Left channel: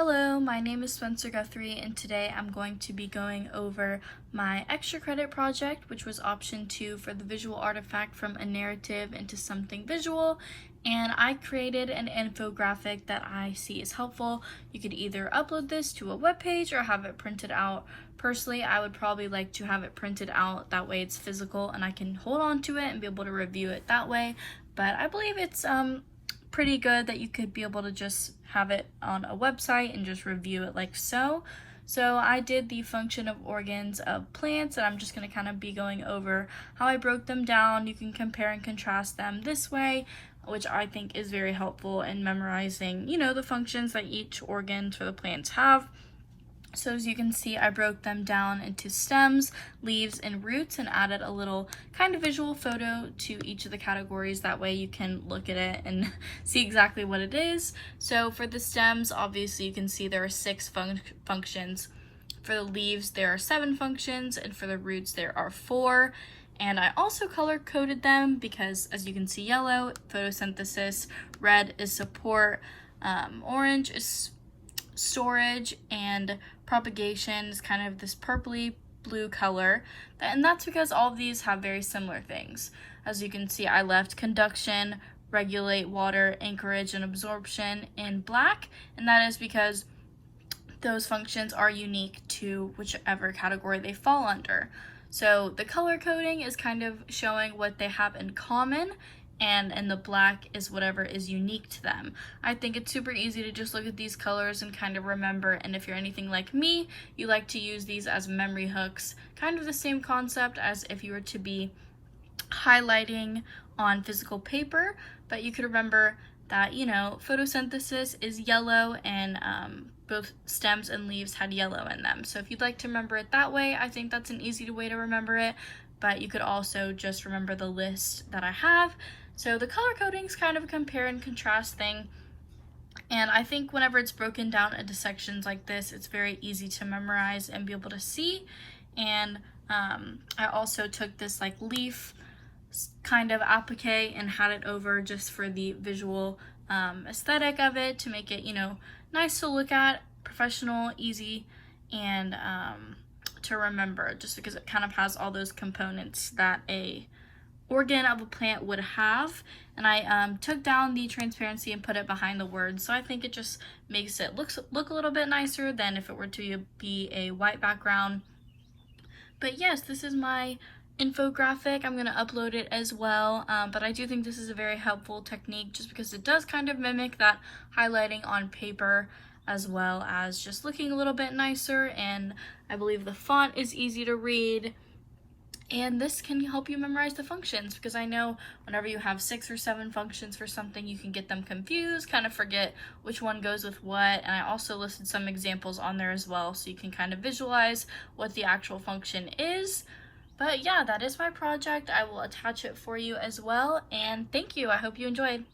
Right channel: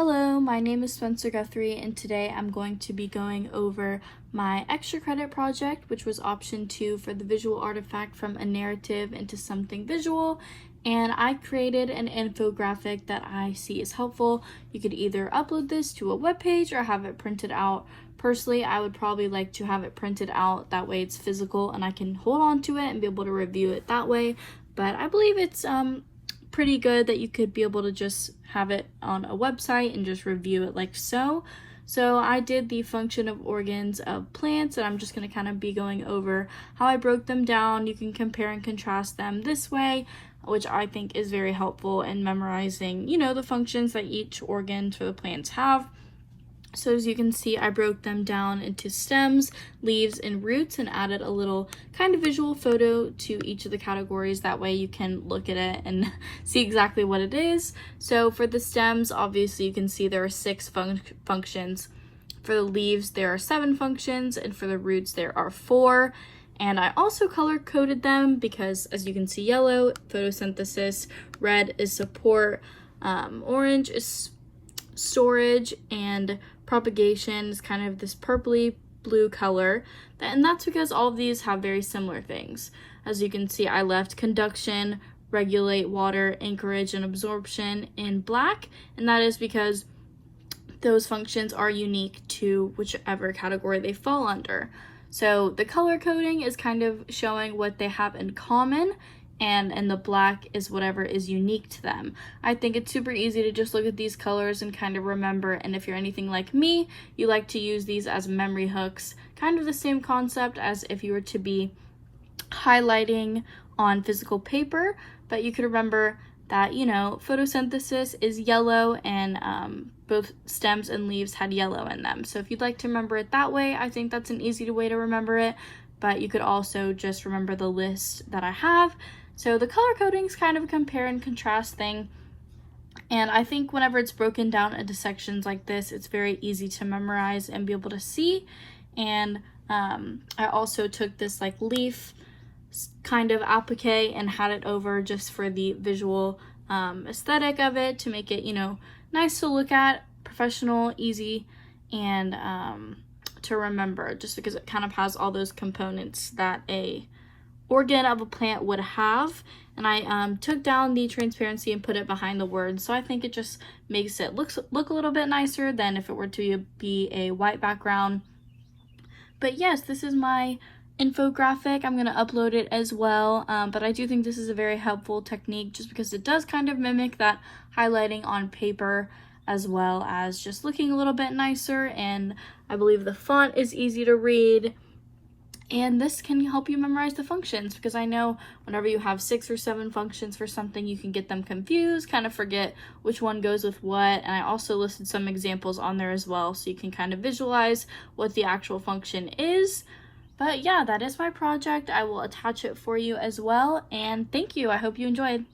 Hello, my name is Spencer Guthrie, and today I'm going to be going over my extra credit project, which was option 2 for the visual artifact from a narrative into something visual. And I created an infographic that I see is helpful. You could either upload this to a web page or have it printed out. Personally, I would probably like to have it printed out, that way it's physical and I can hold on to it and be able to review it that way. But I believe it's pretty good that you could be able to just have it on a website and just review it like so. So I did the function of organs of plants, and I'm just going to kind of be going over how I broke them down. You can compare and contrast them this way, which I think is very helpful in memorizing, the functions that each organ for the plants have. So as you can see, I broke them down into stems, leaves, and roots and added a little kind of visual photo to each of the categories. That way you can look at it and see exactly what it is. So for the stems, obviously you can see there are 6 functions. For the leaves, there are 7 functions, and for the roots, there are 4. And I also color coded them because, as you can see, yellow, photosynthesis, red is support, orange is storage, and propagation is kind of this purpley blue color, and that's because all of these have very similar things. As you can see, I left conduction, regulate water, anchorage, and absorption in black, and that is because those functions are unique to whichever category they fall under. So the color coding is kind of showing what they have in common, and the black is whatever is unique to them. I think it's super easy to just look at these colors and kind of remember, and if you're anything like me, you like to use these as memory hooks, kind of the same concept as if you were to be highlighting on physical paper, but you could remember that, photosynthesis is yellow, and both stems and leaves had yellow in them. So if you'd like to remember it that way, I think that's an easy way to remember it, but you could also just remember the list that I have. So the color coding is kind of a compare and contrast thing, and I think whenever it's broken down into sections like this, it's very easy to memorize and be able to see. And I also took this leaf kind of applique and had it over just for the visual aesthetic of it, to make it, nice to look at, professional, easy, and to remember, just because it kind of has all those components that a organ of a plant would have. And I took down the transparency and put it behind the words, so I think it just makes it look a little bit nicer than if it were to be a white background. But yes, this is my infographic. I'm going to upload it as well, but I do think this is a very helpful technique just because it does kind of mimic that highlighting on paper, as well as just looking a little bit nicer, and I believe the font is easy to read. And this can help you memorize the functions, because I know whenever you have 6 or 7 functions for something, you can get them confused, kind of forget which one goes with what. And I also listed some examples on there as well, so you can kind of visualize what the actual function is. But yeah, that is my project. I will attach it for you as well. And thank you. I hope you enjoyed.